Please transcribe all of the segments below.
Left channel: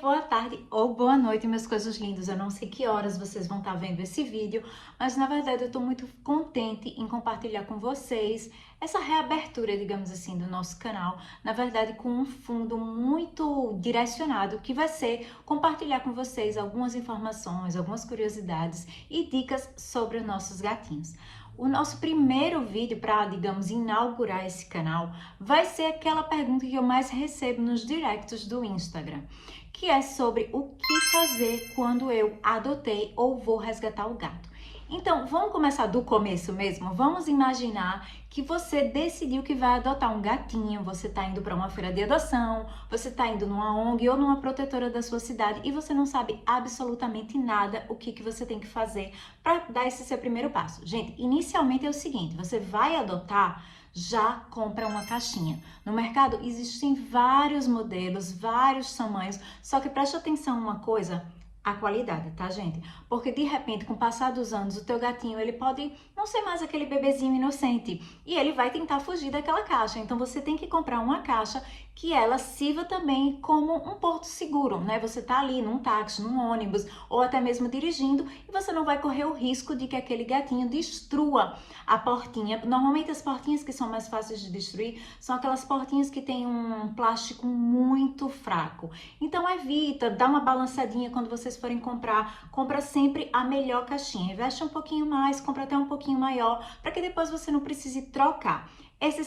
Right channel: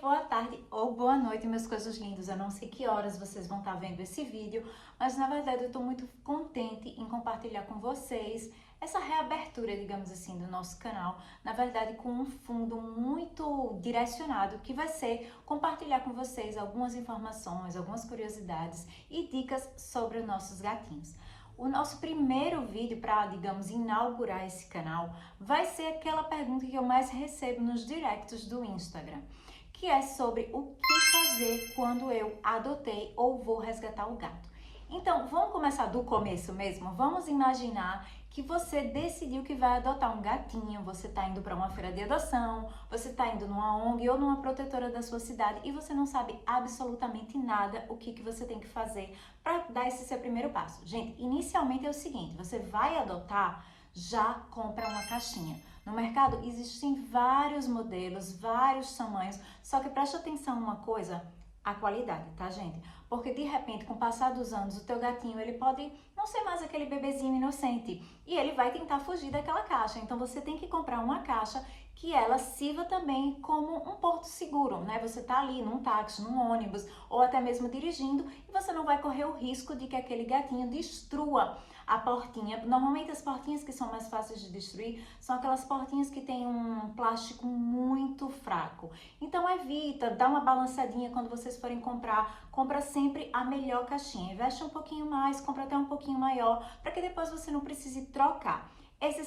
boa tarde ou boa noite, meus coisas lindos. Eu não sei que horas vocês vão estar vendo esse vídeo, mas na verdade eu estou muito contente em compartilhar com vocês essa reabertura, digamos assim, do nosso canal. Na verdade, com um fundo muito direcionado, que vai ser compartilhar com vocês algumas informações, algumas curiosidades e dicas sobre os nossos gatinhos. O nosso primeiro vídeo para, digamos, inaugurar esse canal vai ser aquela pergunta que eu mais recebo nos directs do Instagram, que é sobre o que fazer quando eu adotei ou vou resgatar o gato. Então, vamos começar do começo mesmo? Vamos imaginar que você decidiu que vai adotar um gatinho, você está indo para uma feira de adoção, você está indo numa ONG ou numa protetora da sua cidade e você não sabe absolutamente nada o que você tem que fazer para dar esse seu primeiro passo. Gente, inicialmente é o seguinte, você vai adotar, já compra uma caixinha. No mercado existem vários modelos, vários tamanhos, só que preste atenção uma coisa, a qualidade, tá, gente? Porque de repente, com o passar dos anos, o teu gatinho, ele pode não ser mais aquele bebezinho inocente e ele vai tentar fugir daquela caixa. Então você tem que comprar uma caixa que ela sirva também como um porto seguro, né? Você tá ali num táxi, num ônibus ou até mesmo dirigindo e você não vai correr o risco de que aquele gatinho destrua a portinha. Normalmente as portinhas que são mais fáceis de destruir são aquelas portinhas que tem um plástico muito fraco. Então evita, dá uma balançadinha quando vocês forem comprar, compra sempre a melhor caixinha, investe um pouquinho mais, compra até um pouquinho maior, para que depois você não precise trocar. Essa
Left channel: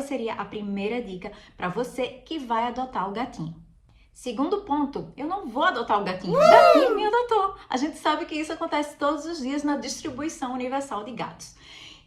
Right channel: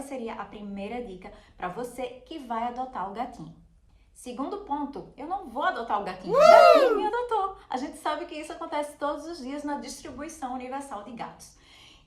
seria a primeira dica para você que vai adotar o gatinho. Segundo ponto, eu não vou adotar o gatinho, o gatinho me adotou. A gente sabe que isso acontece todos os dias na distribuição universal de gatos.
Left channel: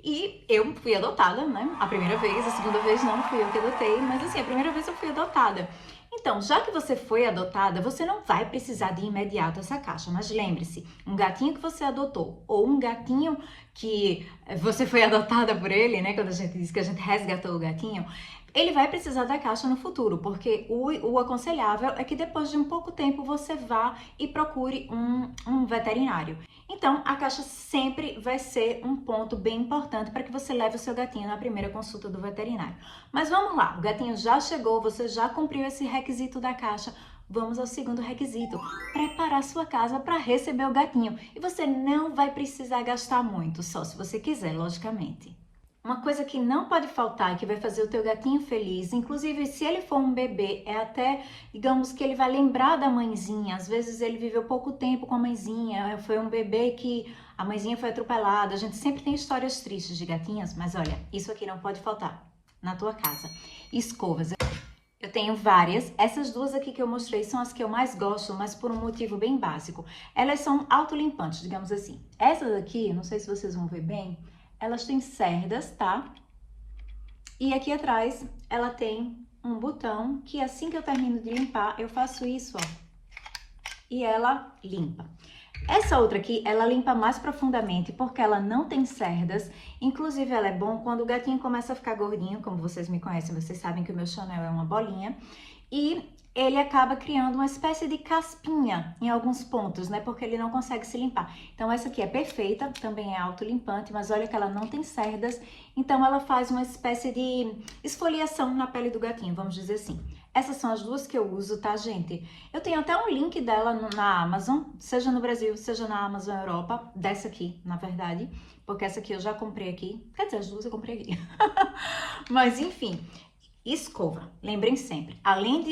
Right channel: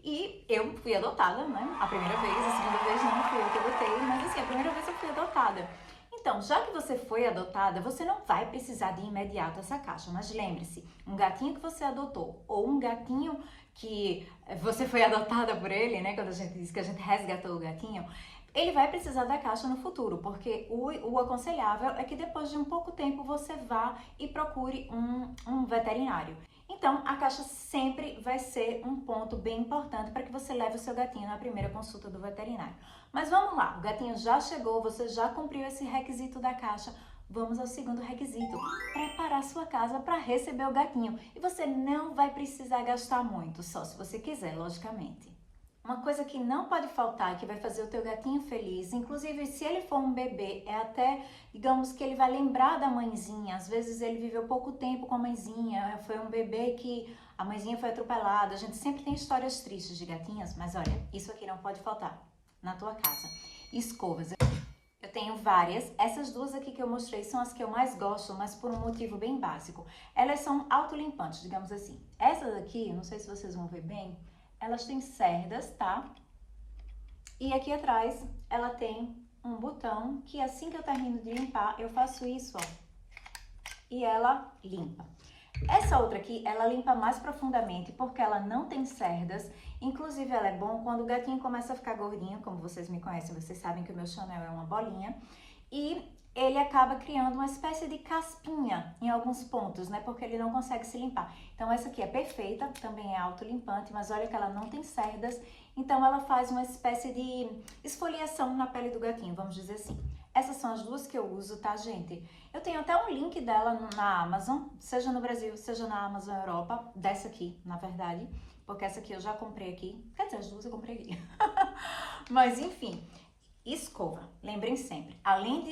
E eu fui adotada, né? A primeira vez, a segunda vez não fui eu que adotei, mas assim, a primeira vez eu fui adotada. Então, já que você foi adotada, você não vai precisar de imediato essa caixa, mas lembre-se, um gatinho que você adotou ou um gatinho que você foi adotada por ele, né, quando a gente diz que a gente resgatou o gatinho, ele vai precisar da caixa no futuro, porque o aconselhável é que depois de um pouco tempo você vá e procure um veterinário. Então, a caixa sempre vai ser um ponto bem importante para que você leve o seu gatinho na primeira consulta do veterinário. Mas vamos lá, o gatinho já chegou, você já cumpriu esse requisito da caixa. Vamos ao segundo requisito, preparar sua casa para receber o gatinho. E você não vai precisar gastar muito, só se você quiser, logicamente. Uma coisa que não pode faltar e que vai fazer o teu gatinho feliz, inclusive se ele for um bebê, é até, digamos que ele vai lembrar da mãezinha. Às vezes ele viveu pouco tempo com a mãezinha, foi um bebê que a mãezinha foi atropelada. A gente sempre tem histórias tristes de gatinhas, mas olha, isso aqui não pode faltar na tua casa. Escovas. Eu tenho várias, essas duas aqui que eu mostrei são as que eu mais gosto, mas por um motivo bem básico. Elas são autolimpantes, digamos assim. Essas aqui, não sei se vocês vão ver bem, elas têm cerdas, tá? E aqui atrás ela tem um botão que assim que eu termino de limpar, eu faço isso, ó. E ela limpa. Essa outra aqui, ela limpa mais profundamente porque ela não tem cerdas. Inclusive, ela é bom quando o gatinho começa a ficar gordinho, como vocês me conhecem, vocês sabem que o meu Chanel é uma bolinha. E ele acaba criando uma espécie de caspinha em alguns pontos, né? Porque ele não consegue se limpar. Então, essa aqui é perfeita, também é autolimpante, mas olha que ela não tem cerdas. Então, ela faz uma espécie de esfoliação na pele do gatinho, vamos dizer assim. Essas são as duas que eu uso, tá, gente? Eu tenho até um link dela na Amazon, seja no Brasil, seja na Amazon Europa, dessa aqui, na verdade, porque essa aqui eu já comprei aqui, quer dizer, as duas eu comprei aqui. Mas, enfim, escova, lembrem sempre, além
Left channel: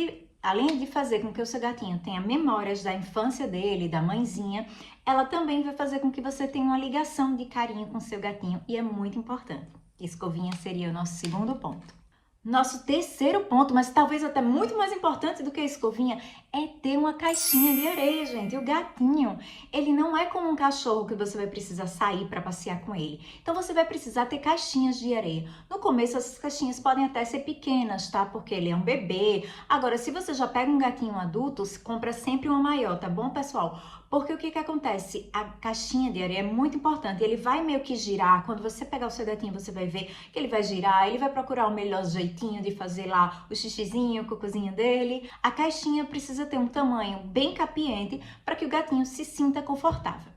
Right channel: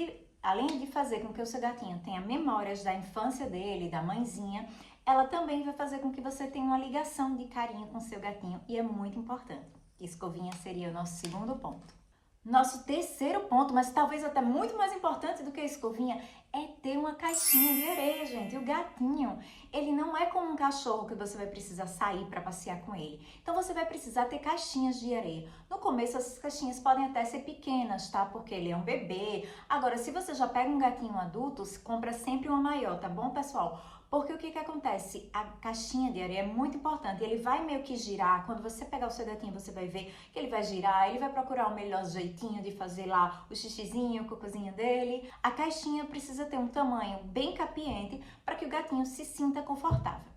de fazer com que o seu gatinho tenha memórias da infância dele, da mãezinha, ela também vai fazer com que você tenha uma ligação de carinho com o seu gatinho e é muito importante. Escovinha seria o nosso segundo ponto. Nosso terceiro ponto, mas talvez até muito mais importante do que a escovinha, é ter uma caixinha de areia, gente. O gatinho, ele não é como um cachorro que você vai precisar sair para passear com ele. Então você vai precisar ter caixinhas de areia. No começo essas caixinhas podem até ser pequenas, tá? Porque ele é um bebê. Agora, se você já pega um gatinho adulto, compra sempre uma maior, tá bom, pessoal? Porque o que acontece? A caixinha de areia é muito importante. Ele vai meio que girar. Quando você pegar o seu gatinho, você vai ver que ele vai girar. Ele vai procurar o melhor jeitinho de fazer lá o xixizinho, o cocôzinho dele. A caixinha precisa ter um tamanho bem capiente para que o gatinho se sinta confortável.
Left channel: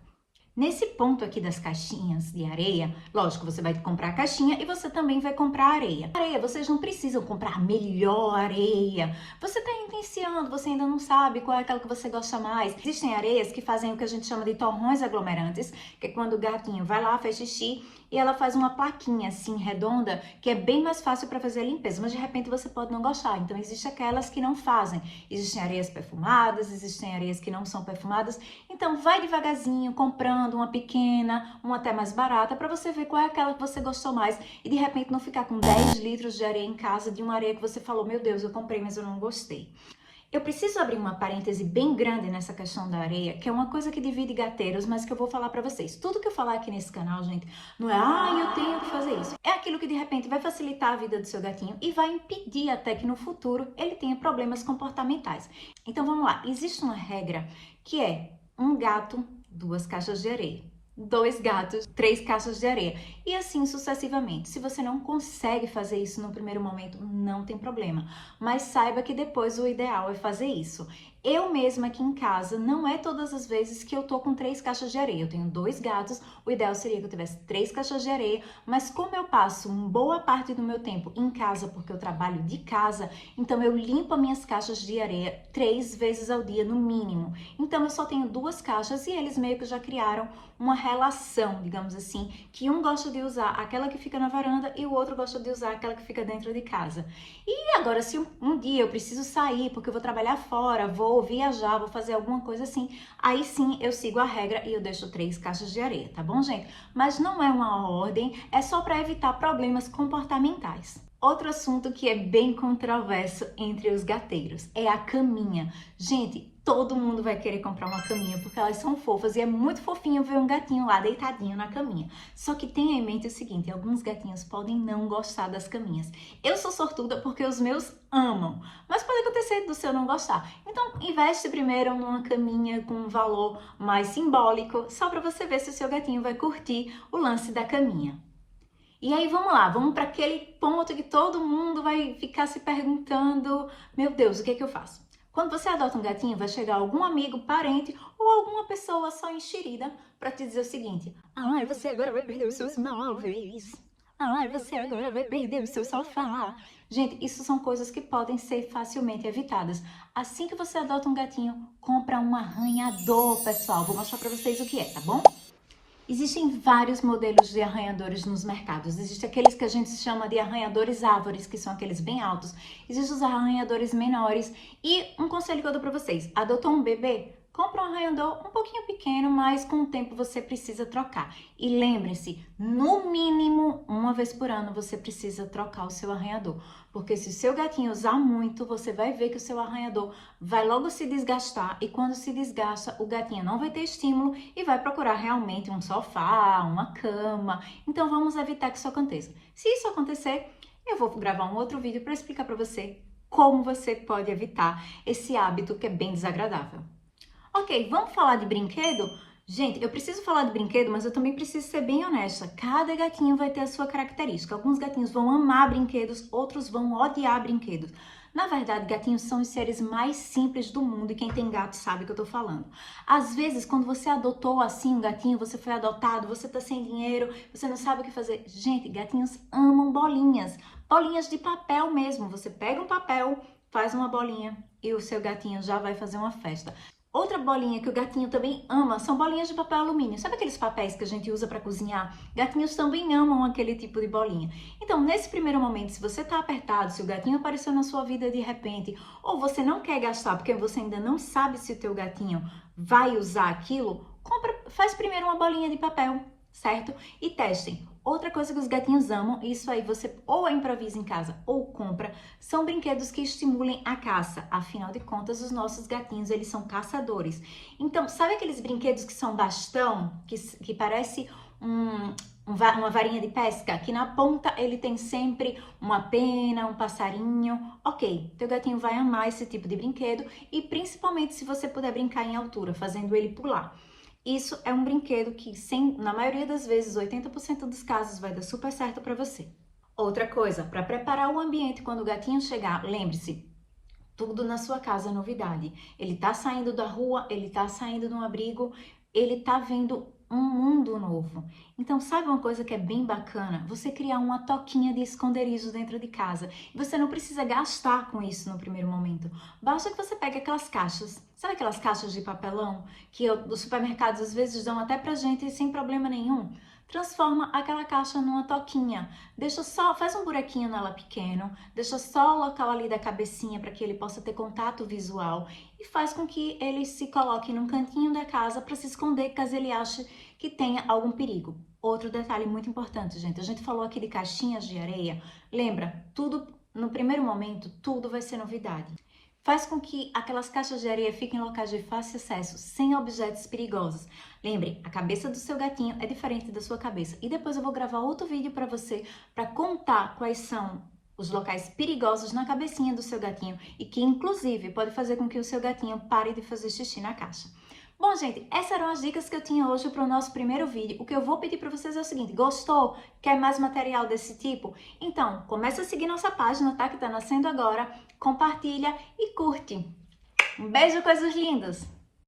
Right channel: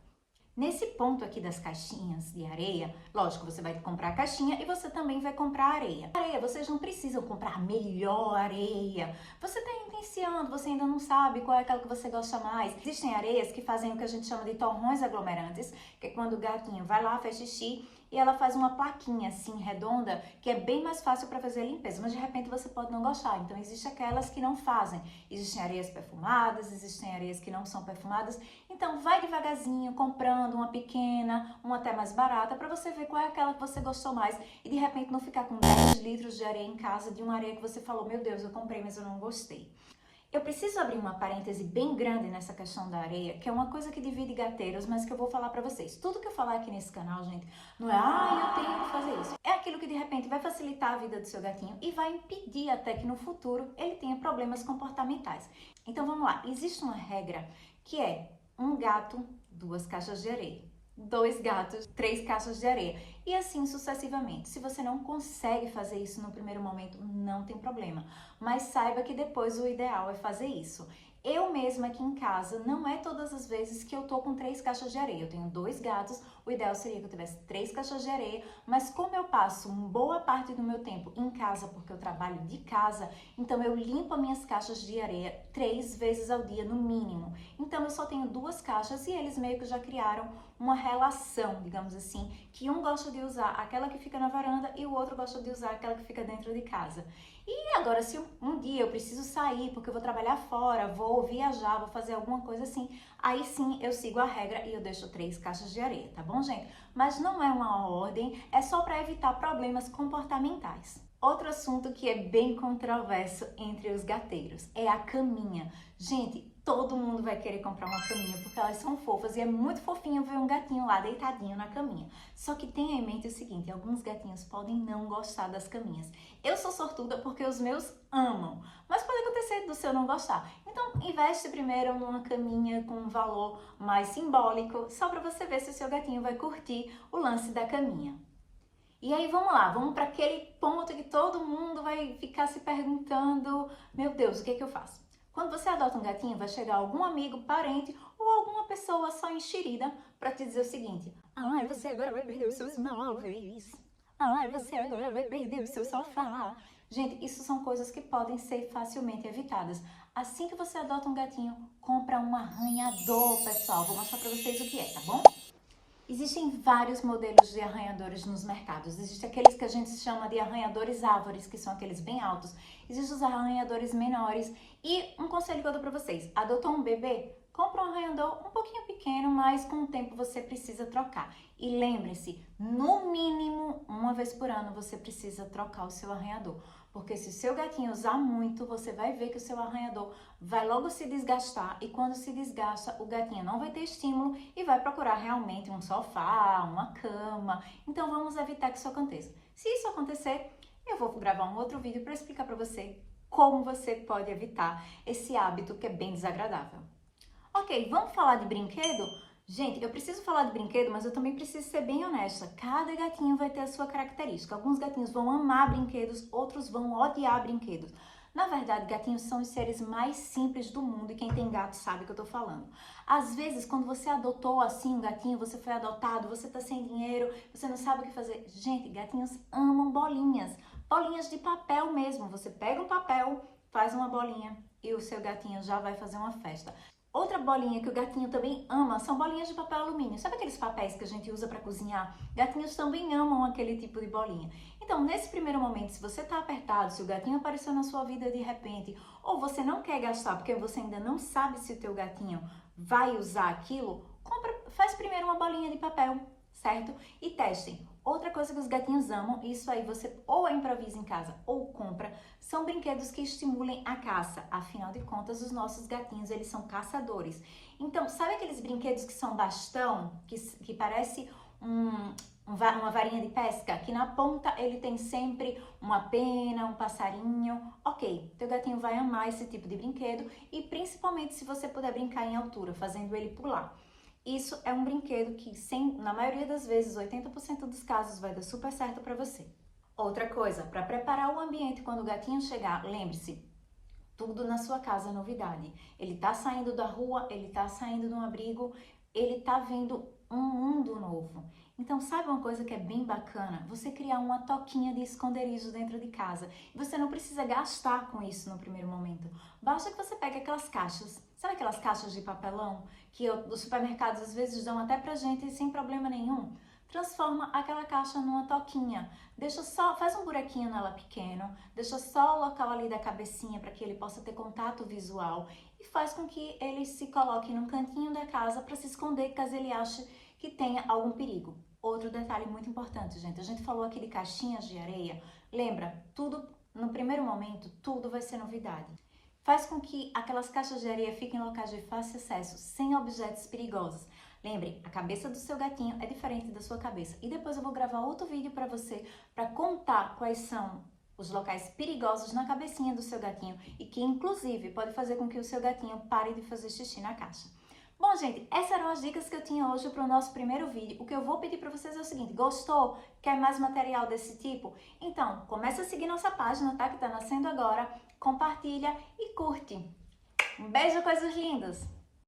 Nesse ponto aqui das caixinhas de areia, lógico, você vai comprar a caixinha e você também vai comprar areia. Areia, vocês não precisam comprar a melhor areia. Você está iniciando, você ainda não sabe qual é aquela que você gosta mais. Existem areias que fazem o que a gente chama de torrões aglomerantes, que é quando o gatinho vai lá, faz xixi e ela faz uma plaquinha assim redonda, que é bem mais fácil para fazer a limpeza, mas de repente você pode não gostar. Então existem aquelas que não fazem. Existem areias perfumadas, existem areias que não são perfumadas. Então vai devagarzinho comprando uma pequena, uma até mais barata, para você ver qual é aquela que você gostou mais e de repente não ficar com 10 litros de areia em casa de uma areia que você falou, meu Deus, eu comprei, mas eu não gostei. Eu preciso abrir uma parêntese bem grande nessa questão da areia, que é uma coisa que divide gateiros, mas que eu vou falar pra vocês. Tudo que eu falar aqui nesse canal, gente, não é, eu tenho que fazer isso. É aquilo que de repente vai facilitar a vida do seu gatinho e vai impedir até que no futuro ele tenha problemas comportamentais. Então vamos lá, existe uma regra que é um gato, 2 caixas de areia. 2 gatos, 3 caixas de areia. E assim sucessivamente. Se você não consegue fazer isso no primeiro momento, não tem problema. Mas saiba que depois o ideal é fazer isso. Eu mesma aqui em casa, não é todas as vezes que eu tô com 3 caixas de areia. Eu tenho 2 gatos, o ideal seria que eu tivesse 3 caixas de areia, mas como eu passo uma boa parte do meu tempo em casa, porque eu trabalho de casa, então eu limpo as minhas caixas de areia 3 vezes ao dia no mínimo. Então eu só tenho 2 caixas e eles meio que já criaram uma relação, digamos assim, que um gosta de usar aquela que fica na varanda e o outro gosta de usar aquela que fica dentro de casa. E agora, se um dia eu preciso sair porque eu vou trabalhar fora, vou viajar, vou fazer alguma coisa assim, aí sim eu sigo a regra e eu deixo 3 caixas de areia, tá bom, gente? Mas não é uma ordem, é só para evitar problemas comportamentais. Outro assunto que é bem controverso entre os gateiros é a caminha. Gente, todo mundo vai querer comprar uma caminha porque elas são fofas e é muito fofinho ver um gatinho lá deitadinho na caminha. Só que tenha em mente o seguinte, alguns gatinhos podem não gostar das caminhas. Eu sou sortuda porque os meus amam, mas pode acontecer do seu não gostar. Então, investe primeiro numa caminha com um valor mais simbólico, só para você ver se o seu gatinho vai curtir o lance da caminha. E aí vamos lá, vamos para aquele ponto que todo mundo vai ficar se perguntando, meu Deus, o que é que eu faço? Quando você adota um gatinho, vai chegar algum amigo, parente ou alguma pessoa só enxerida para te dizer o seguinte: ai, você agora vai perder os seus móveis. Ai, você agora vai perder o seu sofá. Gente, isso são coisas que podem ser facilmente evitadas. Assim que você adota um gatinho, compra um arranhador, pessoal. Vou mostrar para vocês o que é, tá bom? Existem vários modelos de arranhadores nos mercados. Existem aqueles que a gente chama de arranhadores árvores, que são aqueles bem altos. Existem os arranhadores menores. E um conselho que eu dou para vocês: adotou um bebê? Compra um arranhador um pouquinho pequeno, mas com o tempo você precisa trocar. E lembre-se, no mínimo, uma vez por ano você precisa trocar o seu arranhador. Porque se o seu gatinho usar muito, você vai ver que o seu arranhador vai logo se desgastar. E quando se desgasta, o gatinho não vai ter estímulo e vai procurar realmente um sofá, uma cama. Então vamos evitar que isso aconteça. Se isso acontecer, eu vou gravar um outro vídeo para explicar para você como você pode evitar esse hábito que é bem desagradável. Ok, vamos falar de brinquedo? Gente, eu preciso falar de brinquedo, mas eu também preciso ser bem honesta. Cada gatinho vai ter a sua característica. Alguns gatinhos vão amar brinquedos, outros vão odiar brinquedos. Na verdade, gatinhos são os seres mais simples do mundo e quem tem gato sabe o que eu tô falando. Às vezes, quando você adotou assim um gatinho, você foi adotado, você tá sem dinheiro, você não sabe o que fazer. Gente, gatinhos amam bolinhas. Bolinhas de papel mesmo. Você pega um papel, faz uma bolinha e o seu gatinho já vai fazer uma festa. Outra bolinha que o gatinho também ama são bolinhas de papel alumínio. Sabe aqueles papéis que a gente usa para cozinhar? Gatinhos também amam aquele tipo de bolinha. Então, nesse primeiro momento, se você está apertado, se o gatinho apareceu na sua vida de repente, ou você não quer gastar porque você ainda não sabe se o teu gatinho vai usar aquilo, faz primeiro uma bolinha de papel, certo? E testem. Outra coisa que os gatinhos amam, isso aí você ou improvisa em casa ou compra, são brinquedos que estimulem a caça. Afinal de contas, os nossos gatinhos, eles são caçadores. Então, sabe aqueles brinquedos que são bastão, que parece uma varinha de pesca? Que na ponta ele tem sempre uma pena, um passarinho. Ok, teu gatinho vai amar esse tipo de brinquedo e principalmente se você puder brincar em altura, fazendo ele pular. Isso é um brinquedo que, na maioria das vezes, 80% dos casos, vai dar super certo para você. Outra coisa, para preparar o ambiente quando o gatinho chegar, lembre-se, tudo na sua casa é novidade. Ele tá saindo da rua, ele tá saindo de um abrigo, ele tá vendo um mundo novo. Então, sabe uma coisa que é bem bacana? Você criar uma toquinha de esconderijo dentro de casa. E você não precisa gastar com isso no primeiro momento. Basta que você pegue aquelas caixas, sabe aquelas caixas de papelão que os supermercados às vezes dão até pra gente sem problema nenhum? Transforma aquela caixa numa toquinha. Faz um buraquinho nela pequeno, deixa só o local ali da cabecinha para que ele possa ter contato visual e faz com que ele se coloque num cantinho da casa para se esconder caso ele ache que tenha algum perigo. Outro detalhe muito importante, gente, a gente falou aqui de caixinhas de areia. Lembra, tudo no primeiro momento, tudo vai ser novidade. Faz com que aquelas caixas de areia fiquem em locais de fácil acesso, sem objetos perigosos. Lembre, a cabeça do seu gatinho é diferente da sua cabeça. E depois eu vou gravar outro vídeo para você, para contar quais são os locais perigosos na cabecinha do seu gatinho e que, inclusive, pode fazer com que o seu gatinho pare de fazer xixi na caixa. Bom, gente, essas eram as dicas que eu tinha hoje para o nosso primeiro vídeo. O que eu vou pedir para vocês é o seguinte: gostou? Quer mais material desse tipo? Então, começa a seguir nossa página, tá? Que tá nascendo agora. Compartilha e curte. Um beijo, coisas lindas!